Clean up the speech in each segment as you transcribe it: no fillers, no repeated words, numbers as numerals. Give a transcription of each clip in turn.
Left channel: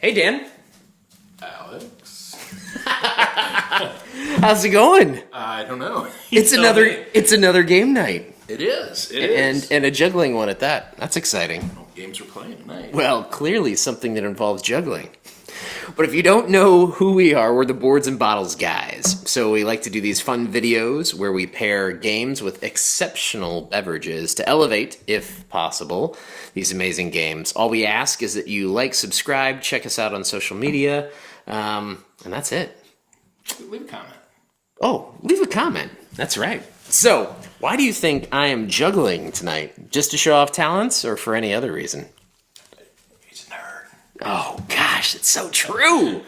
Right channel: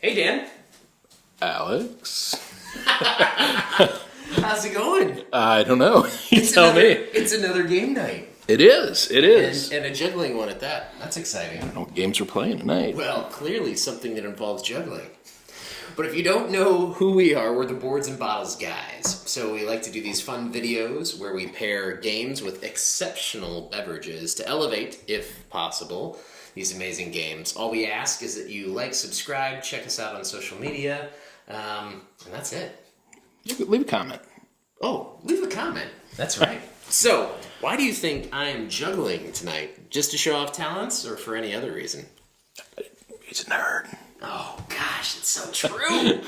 Hey, Dan. Alex? How's it going? I don't know. It's Tell another me. it's another game night. It is. It is. And a juggling one at that. That's exciting. What games we're playing tonight? Well, clearly something that involves juggling. But if you don't know who we are, we're the Boards and Bottles guys. So we like to do these fun videos where we pair games with exceptional beverages to elevate, if possible, these amazing games. All we ask is that you like, subscribe, check us out on social media, and that's it. Leave a comment. Oh, leave a comment. That's right. So, why do you think I am juggling tonight? Just to show off talents or for any other reason? He's a nerd. Oh, gosh, it's so true.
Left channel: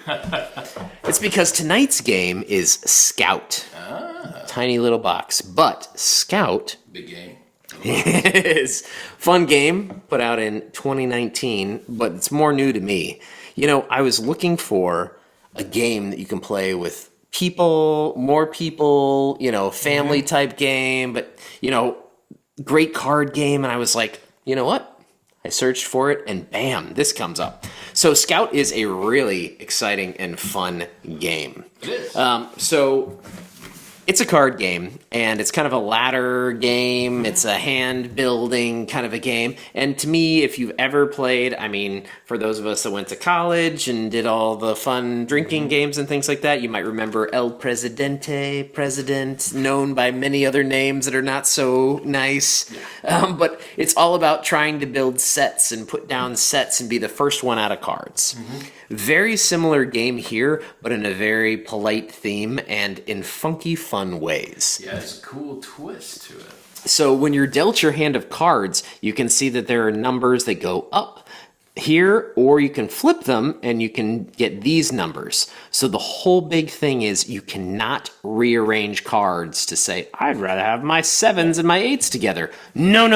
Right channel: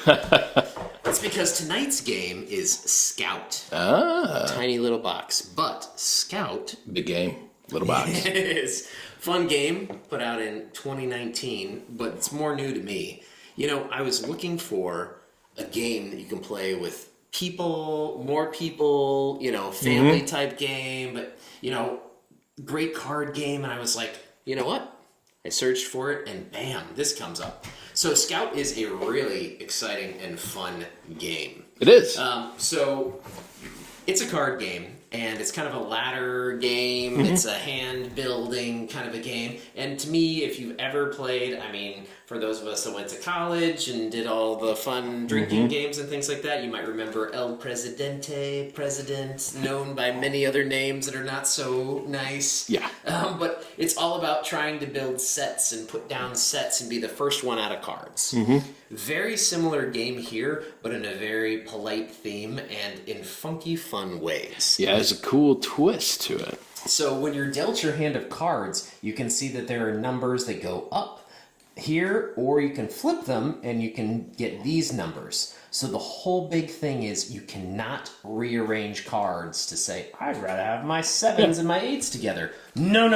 It's because tonight's game is Scout. Ah. Tiny little box. But Scout Big game. Little box. is fun game put out in 2019, but it's more new to me. You know, I was looking for a game that you can play with people, more people, family type game, but, great card game. And I was like, you know what? I searched for it and bam, this comes up. So Scout is a really exciting and fun game. It is. So it's a card game, and it's kind of a ladder game. It's a hand building kind of a game. And to me, if you've ever played, for those of us that went to college and did all the fun drinking games and things like that, you might remember El Presidente, President, known by many other names that are not so nice. Yeah. But it's all about trying to build sets and put down sets and be the first one out of cards. Very similar game here, but in a very polite theme and in funky, fun ways. Yeah, there's a cool twist to it. So when you're dealt your hand of cards, you can see that there are numbers that go up here, or you can flip them and you can get these numbers. So the whole big thing is you cannot rearrange cards to say, I'd rather have my sevens and my eights together. No.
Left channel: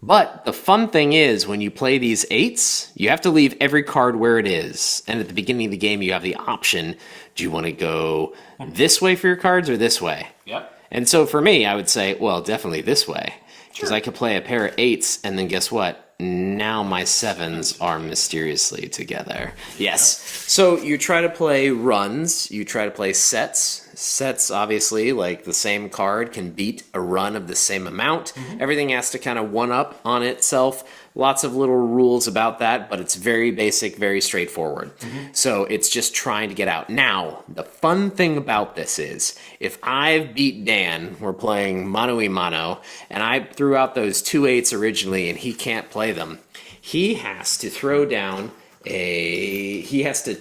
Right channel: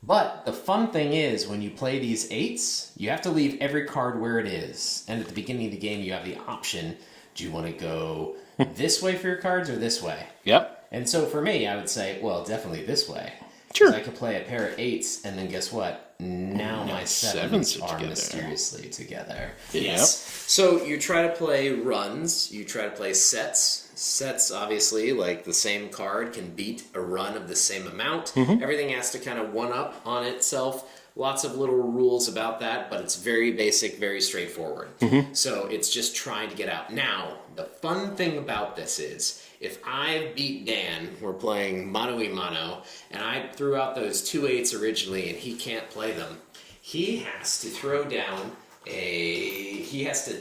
But the fun thing is, when you play these eights, you have to leave every card where it is. And at the beginning of the game, you have the option, do you want to go this way for your cards or this way? Yep. And so for me, I would say, well, definitely this way. Sure. Because I could play a pair of eights, and then guess what? Now my sevens are together. Mysteriously together. Yep. Yes. So you try to play runs. You try to play sets. Sets, obviously, like the same card can beat a run of the same amount. Everything has to kind of one-up on itself. Lots of little rules about that, but it's very basic, very straightforward. So it's just trying to get out. Now, the fun thing about this is, if I beat Dan, we're playing mano y mano, and I threw out those 2 eights originally and he can't play them, he has to throw down he has to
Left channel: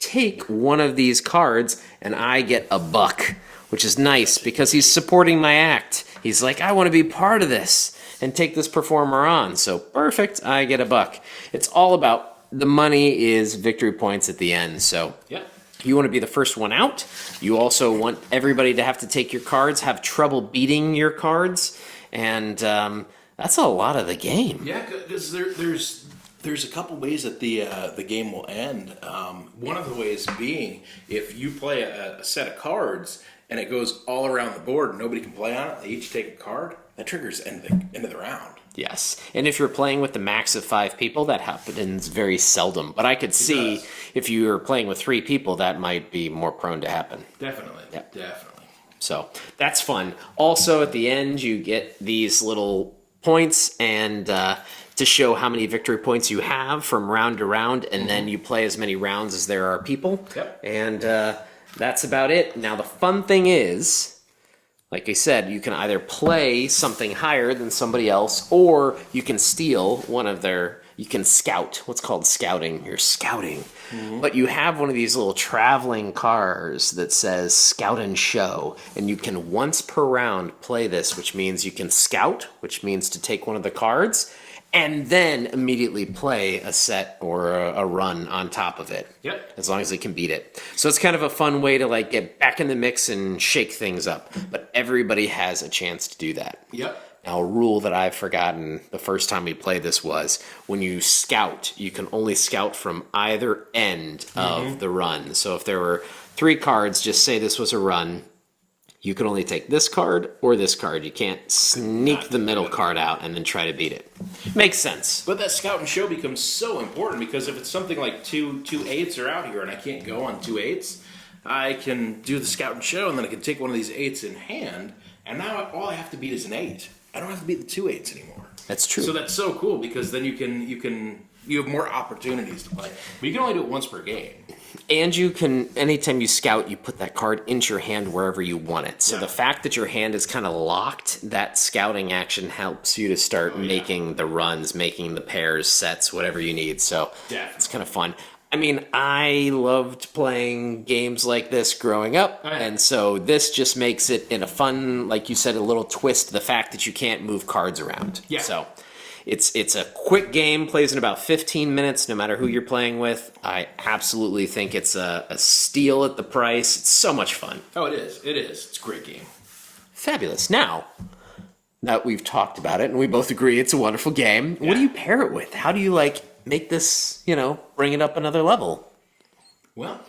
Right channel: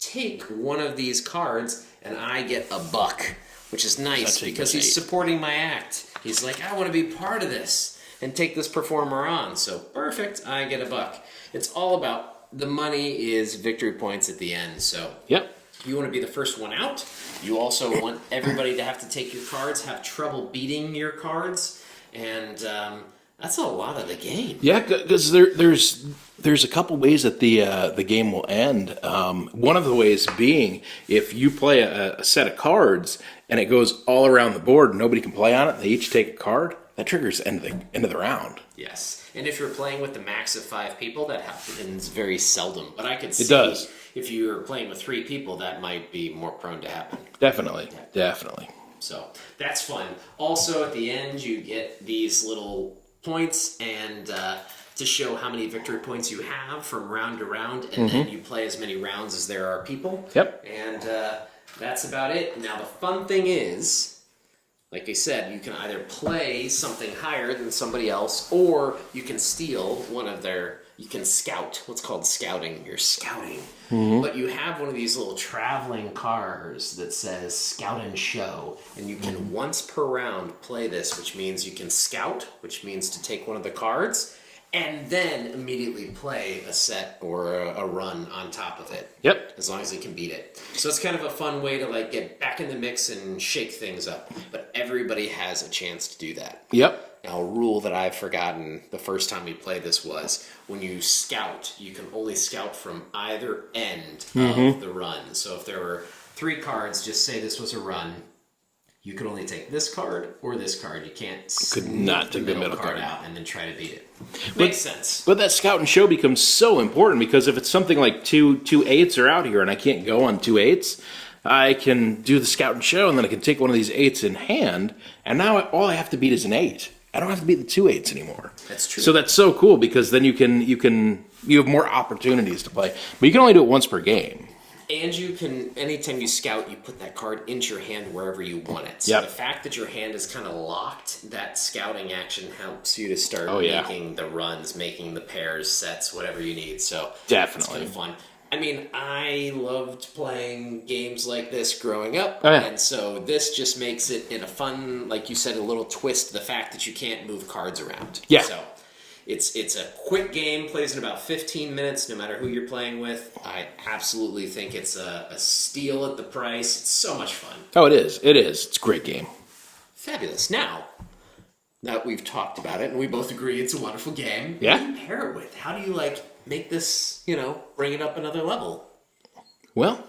take one of these cards and I get a buck, which is nice because he's supporting my act. He's like, I want to be part of this and take this performer on. So perfect, I get a buck. It's all about the money is victory points at the end. So Yep. you want to be the first one out. You also want everybody to have to take your cards, have trouble beating your cards, and that's a lot of the game. Yeah, because there's a couple ways that the game will end. One of the ways being, if you play a set of cards and it goes all around the board and nobody can play on it, they each take a card, that triggers end of the round. Yes, and if you're playing with the max of 5 people, that happens very seldom. But I could see does. if you're playing with 3 people, that might be more prone to happen. Definitely. Definitely. So that's fun. Also, at the end, you get these little points and to show how many victory points you have from round to round, and then you play as many rounds as there are people. Yep. And that's about it. Now, the fun thing is, like I said, you can either play something higher than somebody else, or you can steal one of you can scout. What's called scouting. You're scouting. But you have one of these little traveling cars that says Scout and Show, and you can once per round play this, which means you can scout, which means to take one of the cards, and then immediately play a set or a run on top of it. Yep. As long as they can beat it. So it's kind of a fun way to get back in the mix and shake things up. But everybody has a chance to do that. Yep. Now, a rule that I've forgotten the first time we played this was, when you scout, you can only scout from either end of the run. So if there were 3 cards, just say this was a run, you can only take this card or this card. You can't sneak the middle card out and then try to beat it. Makes sense. But that scout and show becomes so important because if it's something like two 8s are out here and I can't go on 2 8s, I can do the scout and show and then I can take one of these 8s in hand, and now all I have to beat is an 8. I don't have to beat the 2 8s anymore. That's true. So that's so cool because then you have more opportunities to play. But you can only do it once per game. And you can, anytime you scout, you put that card into your hand wherever you want it. So the fact that your hand is kind of locked, that scouting action helps you to start making the runs, making the pairs, sets, whatever you need. So definitely, it's kind of fun. I mean, I loved playing games like this growing up, and so this just makes it in a fun, like you said, a little twist, the fact that you can't move cards around. Yeah. So it's a quick game, plays in about 15 minutes, no matter who you're playing with. I absolutely think it's a steal at the price. It's so much fun. Oh, it is. It is. It's a great game. Fabulous. Now that we've talked about it, and we both agree it's a wonderful game, what do you pair it with? How do you, make this, bring it up another level? Well,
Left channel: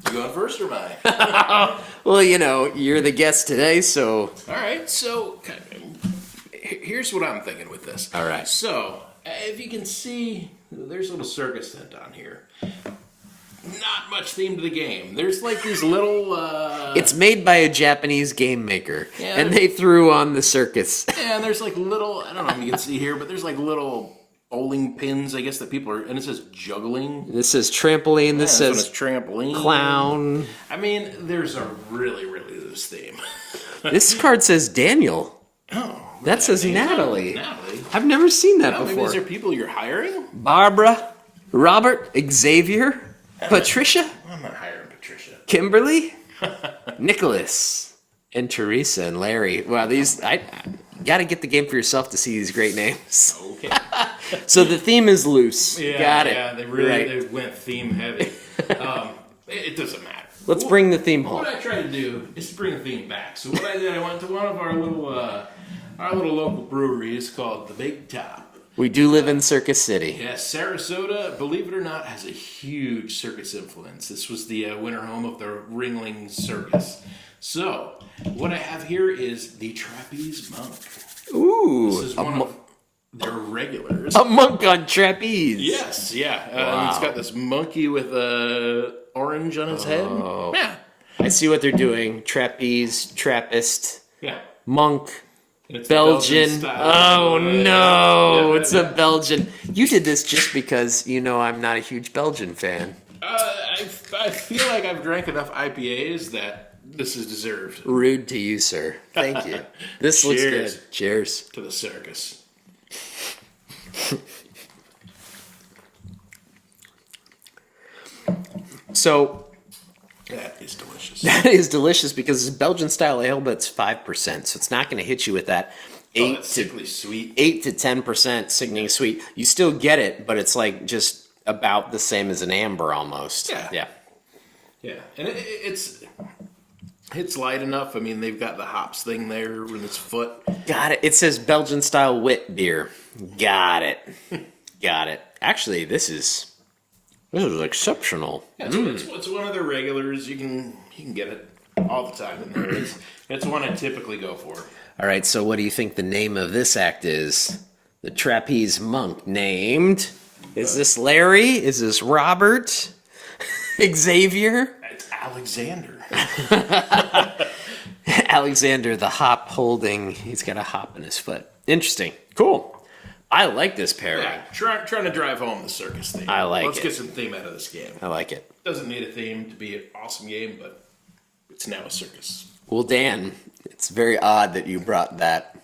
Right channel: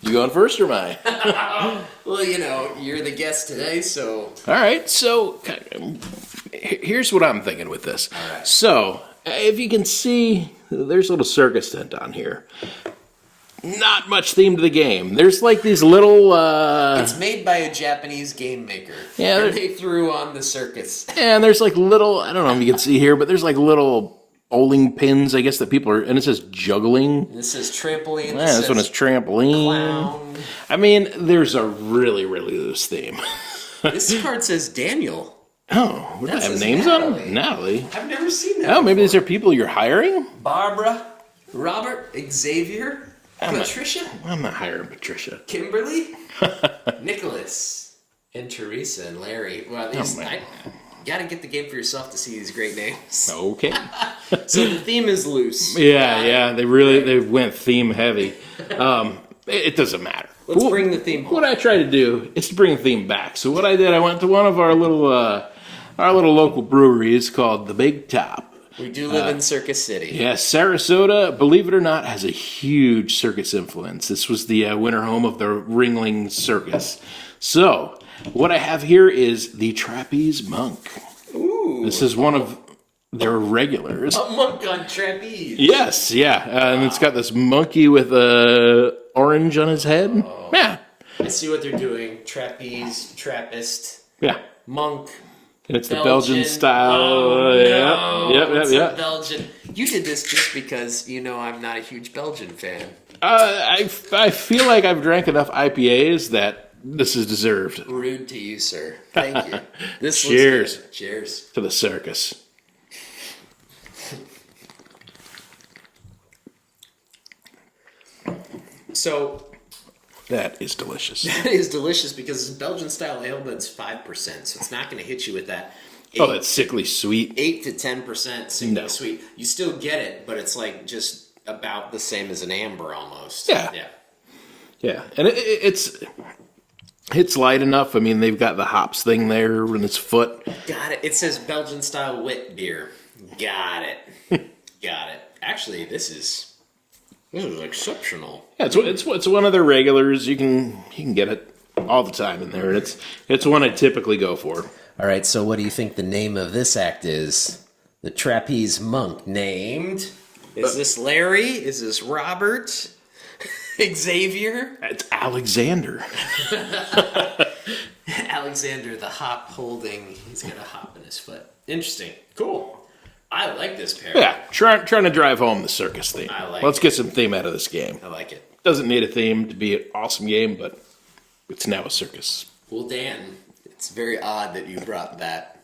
you going first or am I? Well, you're the guest today, so... All right, so here's what I'm thinking with this. All right. So, if you can see, there's a little circus tent on here. Not much theme to the game. There's these little... It's made by a Japanese game maker. Yeah, and they threw on the circus. Yeah, and there's little... I don't know if you can see here, but there's little... bowling pins, I guess, that people are... And it says juggling. This is trampoline. Yeah, this one is trampoline. Clown. I mean, there's a really, really loose theme. This card says Daniel. Oh. That says Natalie. Natalie. I've never seen that before. Maybe these are people you're hiring? Barbara, Robert, Xavier, Patricia. I'm not hiring Patricia. Kimberly, Nicholas, and Teresa and Larry. Wow, these... You got to get the game for yourself to see these great names. Okay. So the theme is loose. Yeah. They really they went theme heavy. It doesn't matter. Let's bring the theme home. What I try to do is to bring the theme back. So what I did, I went to one of our little local breweries called the Big Top. We do live in Circus City. Yes, Sarasota, believe it or not, has a huge circus influence. This was the winter home of the Ringling Circus. So... what I have here is the Trapeze Monk. Ooh. This is one of their regulars. A monk on trapeze. Yes, yeah. And it's got this monkey with orange on his head. Oh. Yeah. I see what they're doing. Trapeze, Trappist, Yeah. monk, And it's Belgian. the Belgian style. Oh, no. Yeah, It's a Belgian. You did this just because I'm not a huge Belgian fan. I feel like I've drank enough IPAs that this is deserved. Rude to you, sir. Thank you. This Cheers. looks good. Cheers. To the circus. So That is delicious. that is delicious because it's Belgian style ale, but it's 5%, so it's not going to hit you with that. That's sickly sweet. 8 to 10% sickening sweet. You still get it, but it's just about the same as an amber almost. Yeah. Yeah. Yeah, and it's light enough. I mean, they've got the hops thing there in its foot. Got it. It says Belgian style wit beer. Got it. Got it. Actually, this is exceptional. Yeah, it's one of their regulars. You can get it all the time in there. It's one I typically go for. All right, so what do you think the name of this act is? The Trapeze Monk named... Is this Larry? Is this Robert? Xavier? It's Alexander. Alexander, the hop holding... He's got a hop in his foot. Interesting. Cool. I like this pair. Yeah, trying to drive home the circus theme. I like Let's it. get some theme out of this game. I like it. Doesn't need a theme to be an awesome game, but it's now a circus. Well, Dan, it's very odd that you brought that.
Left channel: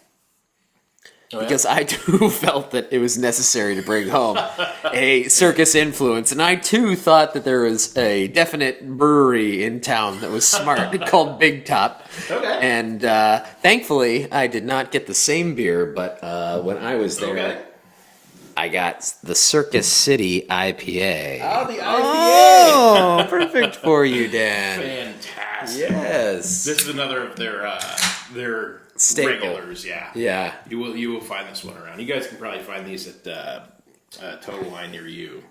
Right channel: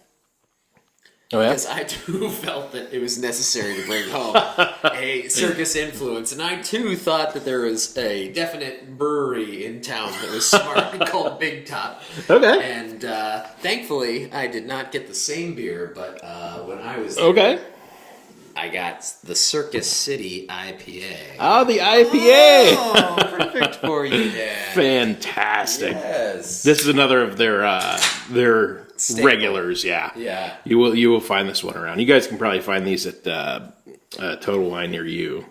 Oh, yeah? Because I too felt that it was necessary to bring home a circus influence. And I too thought that there was a definite brewery in town that was smart called Big Top. Okay. And thankfully, I did not get the same beer, but when I was there, I got the Circus City IPA. Oh, the IPA! Oh, perfect for you, Dan. Fantastic. Yes. This is another of their Staple. regulars, yeah. Yeah. You will find this one around. You guys can probably find these at Total Wine near you.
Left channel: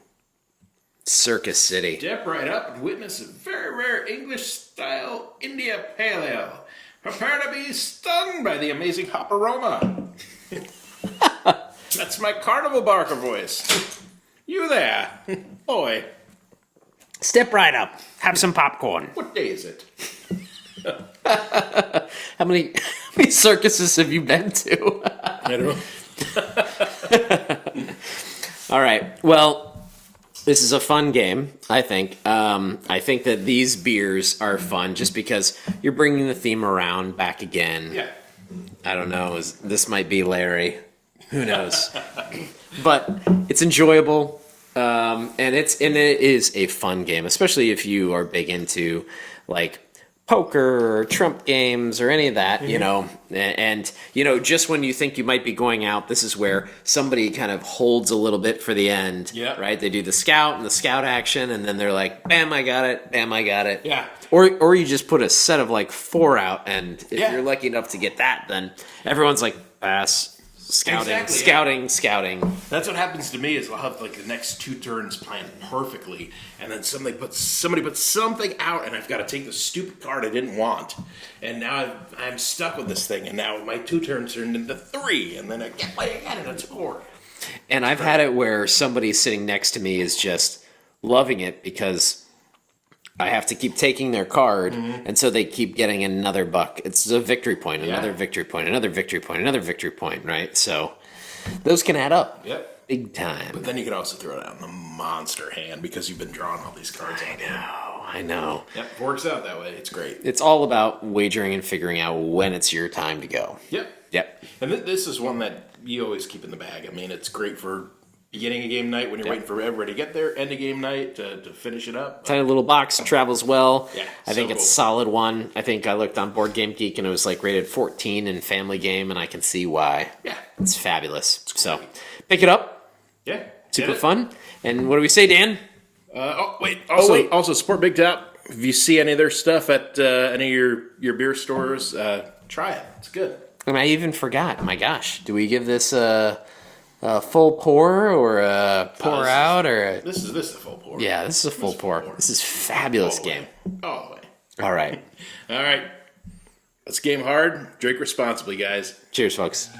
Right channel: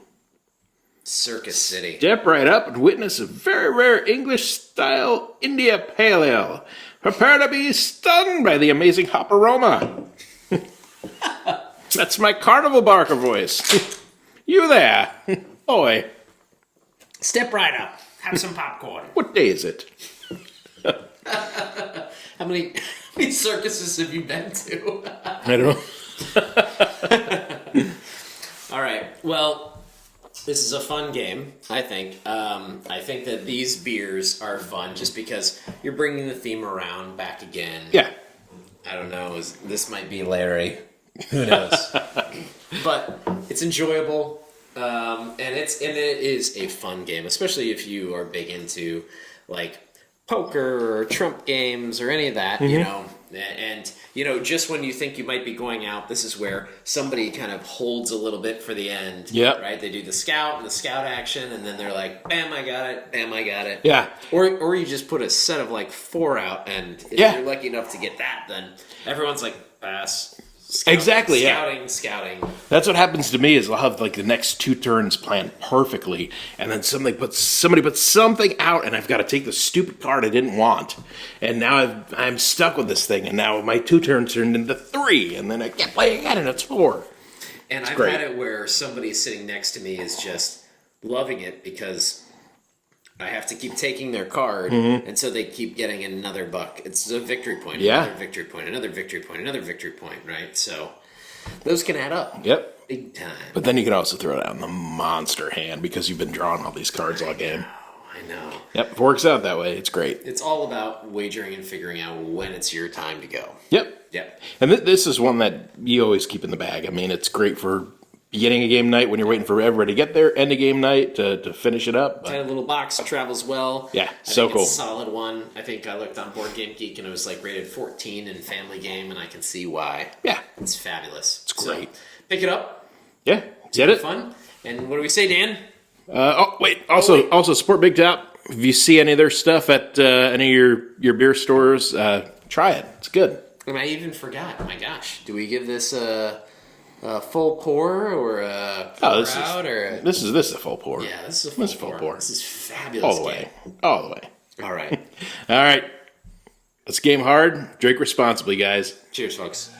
Circus City. Step right up and witness a very rare English-style India Pale Ale. Prepare to be stunned by the amazing hop aroma. That's my carnival barker voice. You there, boy. Step right up. Have some popcorn. What day is it? How many circuses have you been to? I don't know. All right. Well, this is a fun game, I think. I think that these beers are fun just because you're bringing the theme around back again. Yeah. I don't know. This might be Larry. Who knows? But it's enjoyable. And it is a fun game, especially if you are big into like poker or trump games or any of that, you know. And you know, just when you think you might be going out, this is where somebody kind of holds a little bit for the end. Yep. Right? They do the scout action, and then they're like, bam, I got it, bam, I got it. Yeah. Or you just put a set of like 4 out, and if Yeah. you're lucky enough to get that, then everyone's like, pass. Scouting, Exactly, yeah. Scouting. That's what happens to me is I'll have like the next 2 turns planned perfectly, and then somebody puts something out, and I've got to take the stupid card I didn't want, and now I'm stuck with this thing, and now my 2 turns turned into 3, and then I can't play again, and it's 4. And I've had it where somebody sitting next to me is just loving it because I have to keep taking their card, and so they keep getting another buck. It's a victory point, another victory point, another victory point, another victory point, right? So those can add up. Yep. Big time. But then you can also throw it out in the monster hand because you've been drawing all these cards all game. I know. Yep, it works out that way. It's great. It's all about wagering and figuring out when it's your time to go. Yep. Yep. And this is one that you always keep in the bag. I mean, it's great for beginning of game night when you're waiting for everybody to get there, end of game night to finish it up. Tiny little box, travels well. Yeah, I so think it's a solid one. I think I looked on Board Game Geek and it was like rated 14 in family game, and I can see why. Yeah. It's fabulous. It's So great. pick it up. Yeah. Get it fun. And what do we say, Dan? Also, support Big Top. If you see any of their stuff at any of your beer stores, try it. It's good. And I even forgot. My gosh, do we give this a full pour or a pour out or? This is a full pour. Yeah, this is a full pour. This is a fabulous game. All the way. All right. All right. Let's game hard. Drink responsibly, guys. Cheers, folks.